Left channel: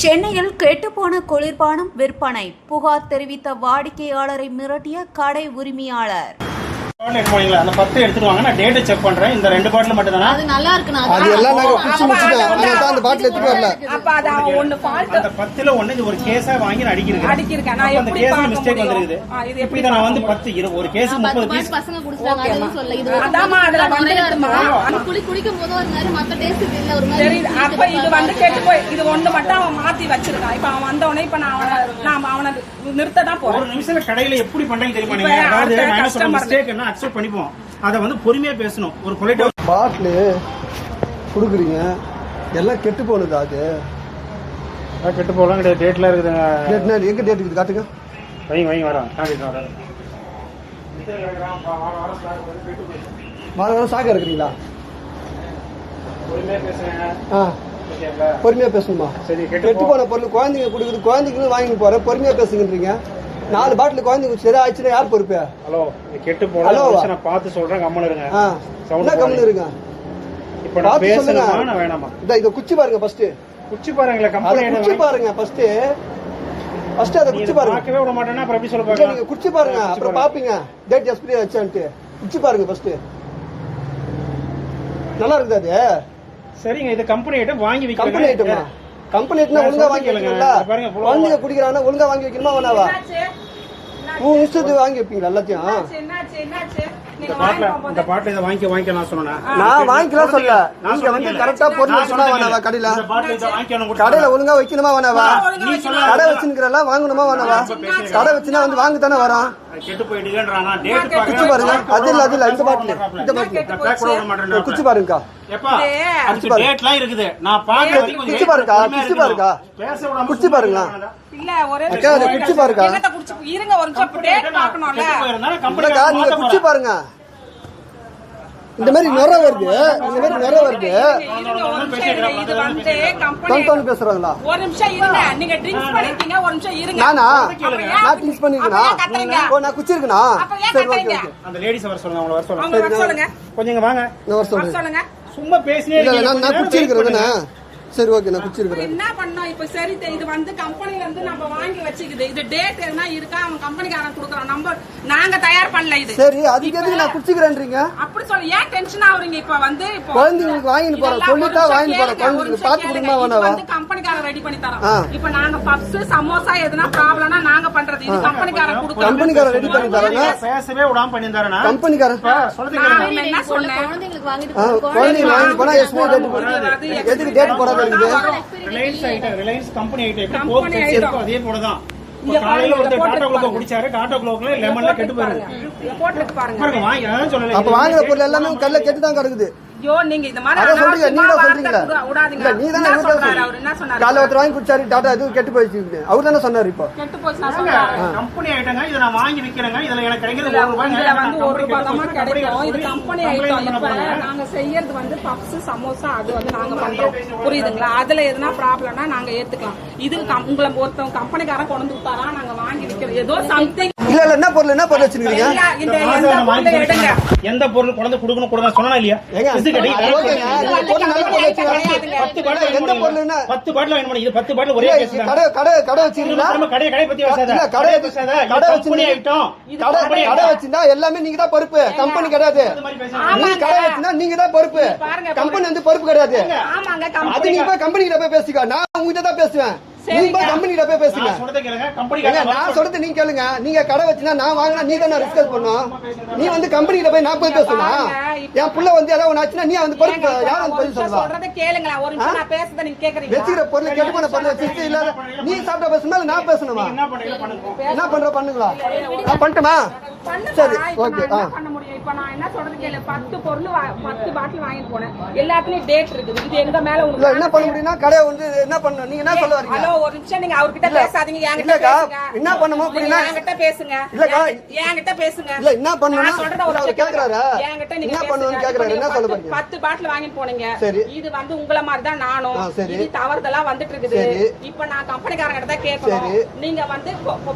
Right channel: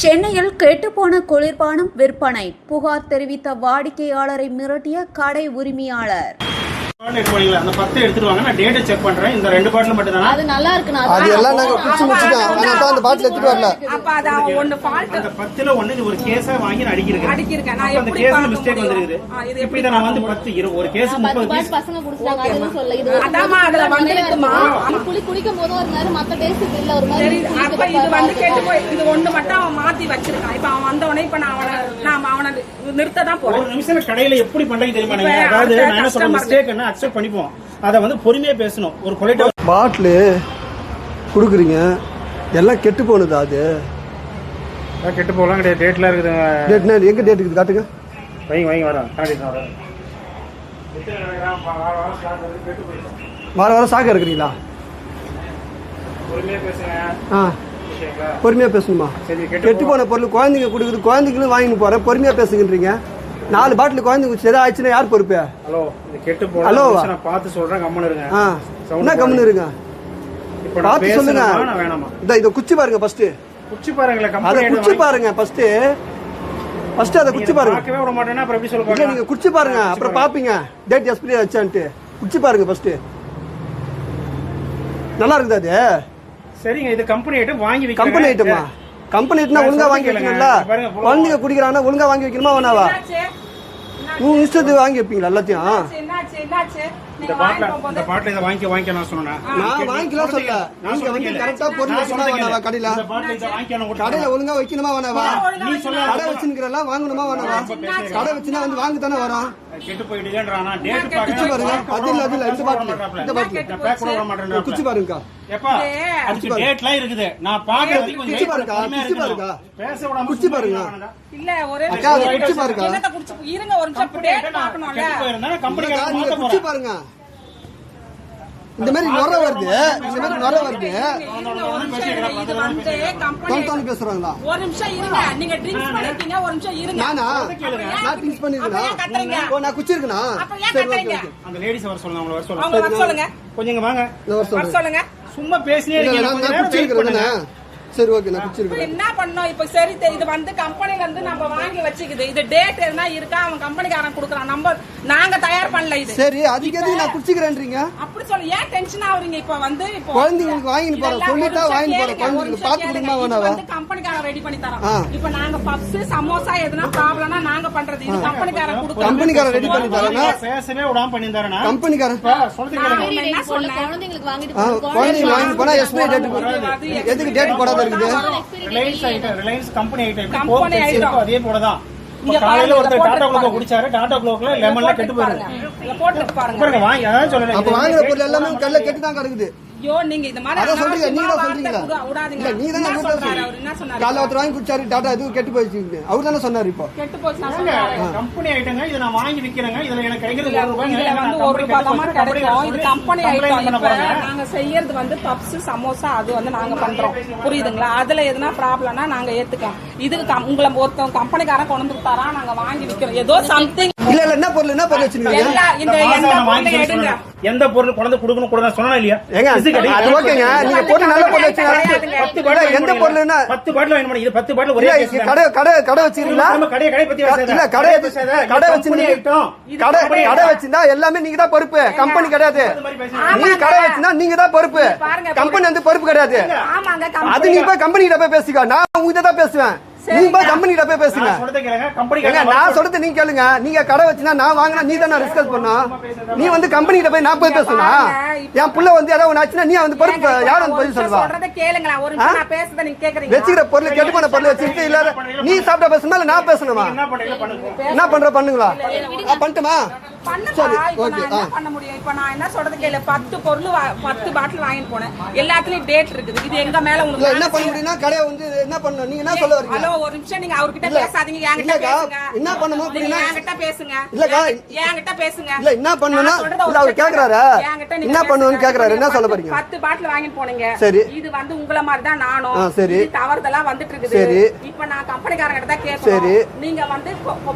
சென்னையில் கெட்டுப்போன குளிர்பானம் விற்பனை புகார் தெரிவித்த வாடிக்கையாளரை மிரட்டிய கடை உரிமையாளர். அந்த 10 எடுத்துட்டு வாங்க, நான் டேட் செக் பண்றேன். இந்த 2 பாட்டில் மட்டும் தானா? அது நல்லா இருக்குனா அது எல்லாம் நாங்க குச்சி முடிச்சிட்டோம். ஆனா தான் அந்த பாட்டில் எடுத்துட்டு வரல. அப்ப அத ஒன்னு ஃபால்ட் அந்த 10ல ஒன்னு இது ஒரு கேஸா வாங்கி நான் அடிக்கிறேன். நான் எப்படி கேஸ்ல மிஸ்டேக் வந்திருக்குது. இது எப்படி நான் வந்து 10 ஒரு கேஸ் 30 பீஸ் பசங்க குடிச்சாங்க அதுவும் சொல்ல. இது அதாமா அதுல வந்துருக்குமா? குடிக்கும் போது ஒரு மாதிரி மத்த டேஸ்ட் இல்ல ஒரு மாதிரி. அப்ப இது வந்து கேட்டு போய் இது ஒன்னு மட்டும் அவன் மாத்தி வச்சிருக்கான். இப்ப அவன் வந்தவனே இப்ப நான் அவனை நிறுத்த தான் போறேன். ஒரு நிமிஷம் கடையில எப்படி பண்றீங்க தெரியுமா? நீங்க அதாவது நான் என்ன சொல்றேன், மிஸ்டேக் என்ன அக்செப்ட் பண்ணிப்போம். அத வந்து பொறுமையா பேசணும். ஒரு பொலைட்டா பாட்டில் குடுக்குறீங்க எல்லாம் கெட்டு போனது. அது கெட்டு போலாம் கிடையாது. டேட்ல இருக்குது. டேட்னா எங்க டேட் இருக்குது காட்டுங்க. வைங்க வரேன். வார வாரம் சாக்க இருக்கிறீங்களா? பொறுமையா பேசுங்க. பொறுமையா பேசணுமா? கெட்டு போன பொருள் குழந்தைங்க குடுக்குது, குழந்தைங்களும் வாங்கி போறேன். பொறுமையா பேசுங்கன்றீங்க. 4 பாட்டில் குழந்தைங்க சரி ஆயிடுச்சுன்னா யார் பொறுப்பு? ஹலோ, கெட்டு போல நான் பார்த்து சொல்றேன். கம்முன்னு இருங்க. என்ன கம்முன்னு இருங்க? இப்ப நான் பேசுறேனா வேணாமா? இத குச்சி பாருங்க ஃபர்ஸ்ட். குச்சி பாருங்களே. கம்பெனி குச்சி பாருங்க ஃபர்ஸ்ட். அத குச்சி பாருங்க. பார்க்கவே விட மாட்டேன்னா அப்புறம் எப்படி சொல்லுவாங்க? நீங்க குச்சி பாருங்க, அப்புறம் பாப்பீங்க டேட் எக்ஸ்பைரி ஆச்சான்ட்டு. குச்சி பாருங்க ஃபர்ஸ்ட். நல்லா இருக்குது அது. சரிங்க, இது கம்பெனி ஐட்டம் வாங்கி வைங்க. கம்பெனி ஐட்டமா? கம்பெனி ஐட்டம்னா ஒழுங்கா வாங்கி வைக்கணும்ல. குழந்தைங்க குடிக்கிறானா ஒழுங்கா வாங்கி வைக்கணுமா வேணாவா? உங்க இஷ்டத்துக்கு வாங்கி வைப்பீங்களா எல்லாத்தையும்? இந்த பாட்டில் இதை வாங்கிக்க நான் சொன்னேன். நான் வாங்கிக்கலாம் சொல்ல. நீங்க வந்து கரெக்டா பொருள் வச்சுனா வேணாவா? கடையில ஒழுங்கா வைக்கணுமா வேணாவா? கடை வச்சுக்கிறல வாங்கணுமா வேணாவா? கடை வச்சுனா வந்து வாங்க தானே வரோம். கெட்டு போயிடுங்கன்றானா? டேட் குச்சி பாருங்க. அது இல்ல இந்த பாட்டில் குச்சி பாருங்கக்கா. எப்பா அடுத்து டேட்லாம் இருக்குது. நான் பாக்க குச்சி பாருங்கக்கா. பேச விடாம குச்சி பாருங்க. இல்ல ஒரே அக்கா அது குச்சி பாருங்க. இருங்க ஒரு நிமிஷம் டேட் பார்க்கணும்ல. நீங்க குச்சி பாருங்க. இந்த மாதிரி நொர வருது. பேசுறாங்களா? ஒரு நிமிஷம் இருங்க. நீங்க ட்ரிங்க்ஸ் பண்ணிருக்கீங்க. ஒரு நிமிஷம் இருங்க. நான் ட்ரிங்க்ஸ் பண்ணிருக்கேனா? நான் குச்சி இருக்கேனா? சரி ஓகே. அந்த லேடிஸ் வர சொல்லுங்க. அவங்கள வர சொல்லுங்க. கொஞ்சம் வாங்க. வர சொல்லுங்க. சும்மா பேசினே இல்ல நான் குச்சி இருக்கிறதுனா. சரி ஓகே, நான் குச்சி இருக்கிறேன். என்ன பண்ணோம் இப்ப? சரி, இது வந்து கம்பெனில இருந்து நம்ம வாங்கி வச்சுக்குது. இது டேட் என்ன இருக்கா அவன் கம்பெனிக்காரன் குடுக்குறான். நாங்க தயார் பண்ணல இது. சரி, அதுக்கு எதுக்கு நான் குச்சிக்கிறேன்றீங்க? அப்படி சொல்லி ஏன் டென்ஷன் ஆவறீங்க? இப்ப வந்து குழந்தைங்களுக்கு வாங்கிட்டு போறோம். சொல்லிட்டா வாங்கிட்டு போறோம். குழந்தைங்களுக்கு பாத்து கொடுமா வேணாவா? வந்து கம்பெனிக்காரன் ரெடி பண்ணி தரோம். இப்ப நாங்க பப்ஸ் சமோசா எதுனா ப்ராப்ளம்னா நாங்க பண்றது. இது கம்பெனிக்காரன் குடுக்குறாங்க. கம்பெனிக்காரன் ரெடி பண்ணி தராங்க. பேசவே விடாம பண்ணி தரேனா? கம்பெனிக்காரன் சொல்லுங்க. என்ன சொன்னேன்? குழந்தைங்களுக்கு வாங்கிட்டு போனா எக்ஸ்பைரி டேட் போடுறது. எதுக்கு டேட் போடாத இருக்குது? ரிலையன்ஸ் கம்பெனி ஐட்டம் அதே போலதான். காலையில ஒரு டாடா குளோக் குடிச்சாரு. டாடா குளோக்ல லெமன்ல கெட்டு போறாங்க. பாருங்க வாங்க. அதான் சொல்றேன். அப்ப வாங்குற பொருள் எல்லாமே கல்ல கெட்டு தான் கிடக்குது. ஐயோ, நீங்க இந்த மாதிரி அத சொல்றீங்க. நீங்க தான் சொல்றீங்களா? இல்ல நீ தான சொல்றாரு. அவர் என்ன சொன்னாரு? காலையில ஒருத்தர் வாங்கி குடிச்சாரு டாடா, அது கெட்டு போயிடுச்சு. அவர் தான சொன்னாரு. இப்போ கெட்டு போச்சு நான் சொல்றேன். கம்பெனி ஐட்டங்க. இத நான் வாங்கி விக்கிறேங்க. இதுல எனக்கு கிடைக்கிறது 1 ரூபாய். இதுல வந்து 1 ரூபாய் தான் கிடைக்கும். இது கம்பெனி ஐட்டம். இப்ப நாங்க செய்யறது வந்து பப்ஸ் சமோசா அது வந்து நாங்க பண்றோம். புரியுதுங்களா? அதுல எதுனா ப்ராப்ளம்னா நாங்க ஏத்துக்கலாம். இது உங்களை ஒருத்தவங்க கம்பெனிக்காரன் கொண்டு வந்துட்டாரா நாங்க வாங்கி விக்கிறோம். ஏதோ சம்திங் இல்ல என்ன பொருள் வச்சிருக்கீங்க? எந்த பொருள் கொண்டு கொடுக்கணும் கூட சொன்னா இல்லையா? ஓகேங்க, நீங்க போட்டு நல்ல பொருள் வச்சிருக்கீங்க. 10 பாட்டில் எந்த பொருள்னா 10 பாட்டில் வாங்க முடியும். இது 10 பாட்டில் ஒரே கடை வச்சிருக்கீங்களா? கடை பத்தி பேசாத. இல்ல கடை வச்சிருந்தா எல்லாமே நீங்க தான் பொறுப்பு. கம்பெனி கிடையாது. நீங்க கடை வச்சிருந்தா நீங்க தான் பொறுப்பு. கம்பெனி வந்து பொறுப்பு கிடையாது. அது நீங்க போய் கம்பெனி கிட்ட போய் பேசிக்கோ. நான் உங்ககிட்ட தான் பேசுவேன். நீங்க கம்பெனி கிட்ட போய் பேசுங்க. நான் சொல்றது நீங்க கேளுங்க. நீங்க கடை வச்சுனா நான் வாங்கினா நீ தானே டிஸ்கஸ் பண்ணும். நீ வந்து கம்பெனி கிட்ட போய் நான் போய் பேசணும். என் புள்ள வந்து ஏதாவது ஒண்ணு ஆச்சுன்னா நீ வந்து பொறுப்பு யாரும் வந்து பதில் சொல்லுவா? சொல்றத கேளுங்க. ஒரு நிமிஷம் நான் பேசுறத நீங்க கேக்குறீங்க. வெச்சிக்கிற பொருள் கெட்டு போன பொருள் வச்சிட்டு இல்ல நீ சாப்பிட்டா பேசணுமா இல்ல நான் பேசணுமா? என்ன பண்ற பண்ணுங்களா? பண்ணட்டுமா? சரி ஓகே. பண்ண முடியும். இப்ப நான் என்ன சொல்றது கேளு. 10 பொருள் 10 பாட்டில் வாங்கிட்டு போனேன். எல்லாத்துலயும் டேட் இருக்குது. இது எங்க மேல உங்களுக்கு என்ன பண்ண முடியும்னா கடை வந்து என்ன பண்ணணும்? நீங்க என்ன சொல்ல வரீங்க? ஹலோ, ஒரு நிமிஷம் நீங்க அவர்கிட்ட பேசாதீங்க. என்கிட்ட பேசுங்க. என்ன பண்ணனும் அப்படினா என்கிட்ட பேசுங்க. இல்லக்கா என்கிட்ட பேசுங்க. இல்ல என்ன பண்ணனும்னா அவர் கேக்குறாரு. என்ன பண்ணனும்னு கேக்குறாரு. என்ன சொல்ல போறீங்க? 10 பாட்டில் வாங்கிட்டு போனீங்க. சரி. இது வந்து உங்கள மாதிரி தான் நானும். சரி. இது தவறுதலா வந்துட்டு இருக்குது. சரி. இப்போ நான் கம்பெனிக்காரங்க கிட்ட தான் கேக்குறேன். நீங்க வந்து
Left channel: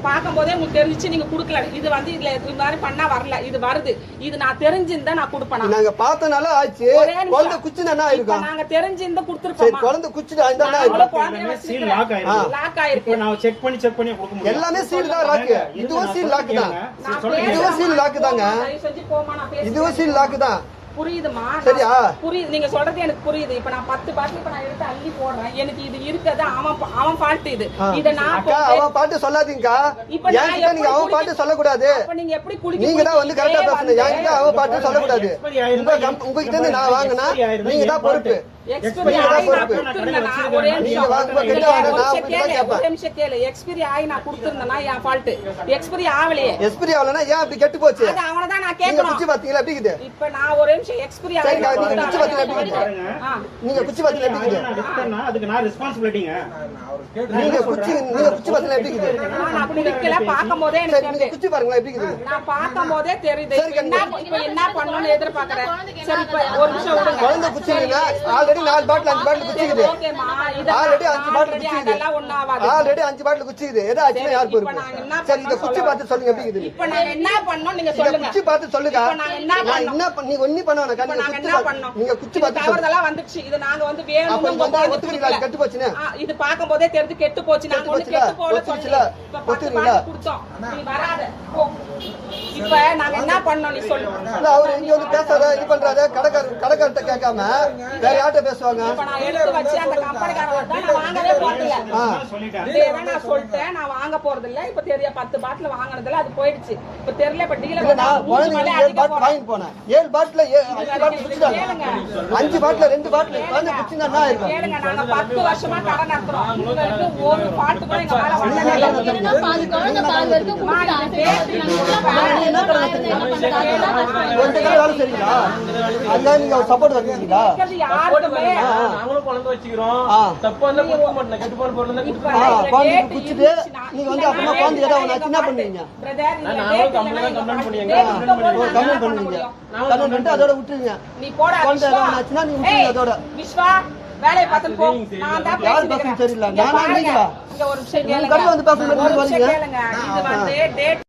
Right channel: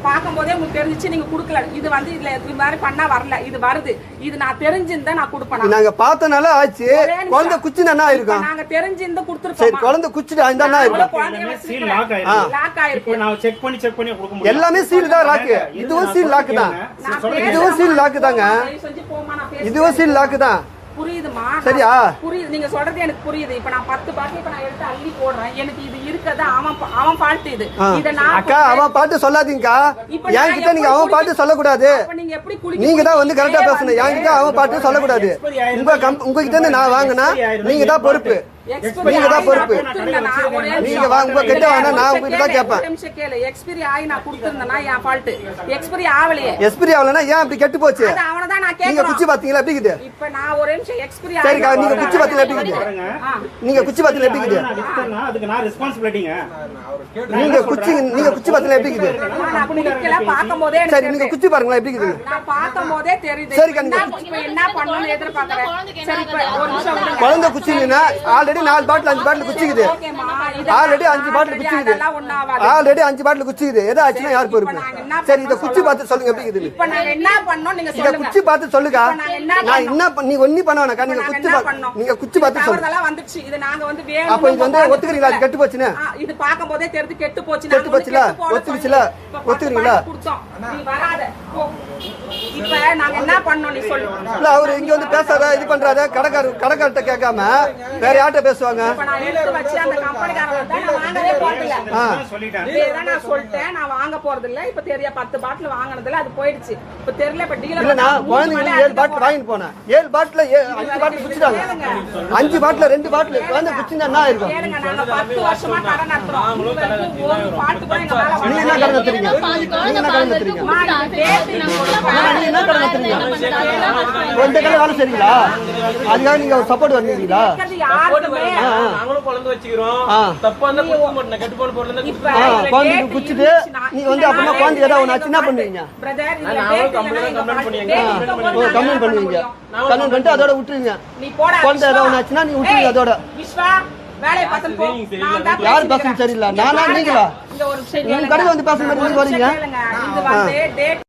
பாக்கும்போதே உங்களுக்கு தெரிஞ்சிச்சு நீங்க குடுக்கல. இது வந்து இதுல இது மாதிரி பண்ணா வரல. இது வருது. இது நான் தெரிஞ்சிருந்தா நான் கொடுப்பேன். நாங்க பார்த்தனால ஆச்சு. ஒரே நிமிஷம். குழந்தை குச்சினா என்ன ஆயிருக்கும்? நாங்க தெரிஞ்சிருந்தா சரி, கொடுத்துருப்போம். குழந்தை குச்சிட்டு அந்த என்ன ஆயிருக்கும்? சீல் லாக் ஆயிருக்கு. லாக் ஆயிருக்கு. நான் செக் பண்ணி கொடுக்க முடியும். எல்லாமே சீல் தான் லாக்கு. இதுவும் சீல் லாக்கு தான். இதுவும் சீல் லாக்கு தாங்க. செஞ்சு போமா, நான் பேசுறேன். இதுவும் சீல் லாக்கு தான். புரியுதுமா? சரியா? புரியுது, நீங்க சொல்றது எனக்கு புரியுது. இப்ப நான் 10 பாட்டில் இப்ப நான் எடுத்து அள்ளி போடுறேன். எனக்கு இது இருக்கதா அவன் பாட்டு இது. இத நான் அக்கா அவன் பாட்டு சொல்லாதீங்கக்கா. இப்ப நான் என்கிட்ட நீங்க அவன் பாட்டு சொல்லக்கூடாது. அப்ப நீங்க எப்படி குளிக்க நீங்க தான் வந்து கரெக்டா பேசணும். என்கிட்ட அவன் பாட்டு சொல்லக்கூடாது. உங்ககிட்ட இருந்து நான் வாங்கினா நீங்க தான் பொறுப்பு. நீங்க தான் பொறுப்பு. நீங்க வாங்க கிட்ட வாங்க, நான் உங்ககிட்ட தான் கேட்பேன். எக்ஸ்பைரி ஆகி நான் கொடுத்திருந்தேனா என் ஃபால்ட். எக்ஸ்பைரி ஆவலையே. எக்ஸ்பைரி ஆகலனா ஏன் இப்படி கெட்டு போச்சு? அது அவன தான் நான் நீங்க கேக்குறேன். குச்சி பாத்தீங்களா எப்படி இருக்குது? இப்ப நான் ஒரு நிமிஷம் எக்ஸ்பைரி ஆகி சரிக்கா, நீங்க குச்சி பாத்தீங்களா எப்படி இருக்குது? நீங்க குச்சி பாத்தீங்களா எப்படி இருக்குது? அதுக்கு நான் ரெஸ்பான்சிபிலிட்டிங்க. நீங்க குச்சி பாத்தீங்களா எப்படி இருக்குது? நான் குடிக்கல, பாக்கும்போதே எனக்கு சரி, நீங்க குச்சி பாருங்களா எப்படி இருக்குது? நான் பாக்கும்போதே தெரியுது. சரிக்கா, இப்ப என்ன பண்ணணும்னு எதிர்பார்க்கறேன். சரி, இப்ப ஒரு நிமிஷம் விடுங்க. குழந்தை குச்சிங்கன்னா ஆல்ரெடி 4 பாட்டில் 5 பாட்டில் குச்சிக்குது. ஓகேமா, ஆல்ரெடி 5 பாட்டில் குச்சிக்குது. அதெல்லாம் ஒண்ணும் ஆகாது. ஆல்ரெடி 5 பாட்டில் குச்சிக்குது. எதா ஆச்சுன்னா யார் பொறுப்பு? சரி, இத குச்சி பார்த்து சொல்லுங்க எப்படி இருக்குது? இப்ப நாங்க என்ன பண்ணோம் நீங்க இத சொல்லுங்க. குச்சி பார்த்து சொல்லுங்க. இப்ப நாங்க என்ன நான் என்ன நீ ஒண்ணி பண்ண வேணாம். இப்ப நீங்க நாங்க குச்சி என்ன பார்த்து பண்ணோம்? நீங்க குச்சி பார்த்து சொல்லுங்க. தவறுதெல்லாம் வந்துச்சு. இது நாங்க வந்து அப்ப இது வந்து வேணும் ஒத்துக்கிறீங்களா? அது கெட்டு போச்சுன்னு. இது பாக்கும்போதே தெரிஞ்சு கெட்டு போச்சு. கெட்டு நாங்க போச்சுல? கெட்டு போல ஒத்துக்கிச்சுல? ஒத்துக்கிறீங்களா? கொடுத்தோம். நீ வராத. போ. இப்ப நாங்க என்ன பண்ணோம் நீ சொல்லு. இல்ல அவரு இங்க வந்து பேசாத இது பண்றாத கடைக்காரர்கிட்ட கேட்காம வேற யார்கிட்ட பேசுவாங்க? இப்ப நான் எடுத்து வச்சு அந்த கம்பெனிக்காரங்க தான் நான் வாங்கவே போறதில்ல. சொல்லிட்டேன். இதேதான் நான் சொல்லிட்டேன். நான் வாங்க போறதில்ல. இப்ப தெரிய 10 பாட்டில் வாங்குனதுல அது போயிடுச்சு. இப்ப தெரியல. இப்ப டீலர் இல்ல நான் குழந்தைங்க 7 பாட்டில் வாங்கிட்டு போனேன். 7 பாட்டில் 5 பாட்டில் குடிச்சிட்டாங்க. 5 பாட்டில் 2 பாட்டில் குழந்தை குடிச்சினா என்ன ஆயிருக்கும்? கேளுங்க, நாங்க 10 வருஷமா கடை நடத்துறோம். உங்களுக்கு ஒரு பாட்டு கூட எங்க மேல நீங்க என்ன கடை நடத்துறீங்க? நீங்க என்ன கடை நடத்துறீங்க? இந்த கடை வேலை செய்றீங்களா? அதுக்காக நீங்க சப்போர்ட் வாங்குறீங்களா? யாருக்குமே நாங்களும் குழந்தை வச்சுக்கிறோம். தப்பா இருந்தா கொடுக்க மாட்டேன். கட்டுப்பாடு போடுறது இப்ப குழந்தை குடிச்சிட்டு நீங்க வந்து அப்படின்னா குழந்தை ஏதாவது ஒண்ணு ஆச்சுன்னா பண்ணுவீங்க. பிரதர், இதுல டேட் இல்லனா எங்க பாட்டு டேட் இருக்கும்போது நாங்க கம்ப்ளைண்ட் பண்ணுவீங்க. கம்ப்ளைண்ட் பண்ணிட்டு அதோட விட்டுருவீங்க. நீ போடா. குழந்தை ஏதாவது ஒண்ணு ஆச்சுன்னா நீங்க விட்டுருவீங்க அதோட. விஸ்வா வேலைய பார்த்து போ. நான் தான் யார் பேசுறது சரியில்லை. நானா நீங்களா? இங்க ஒரு விஷயம் உங்க கடையில வந்து பேசுற மாதிரி கேளுங்க. வரீங்க. கேளுங்க. இது வந்து டேட்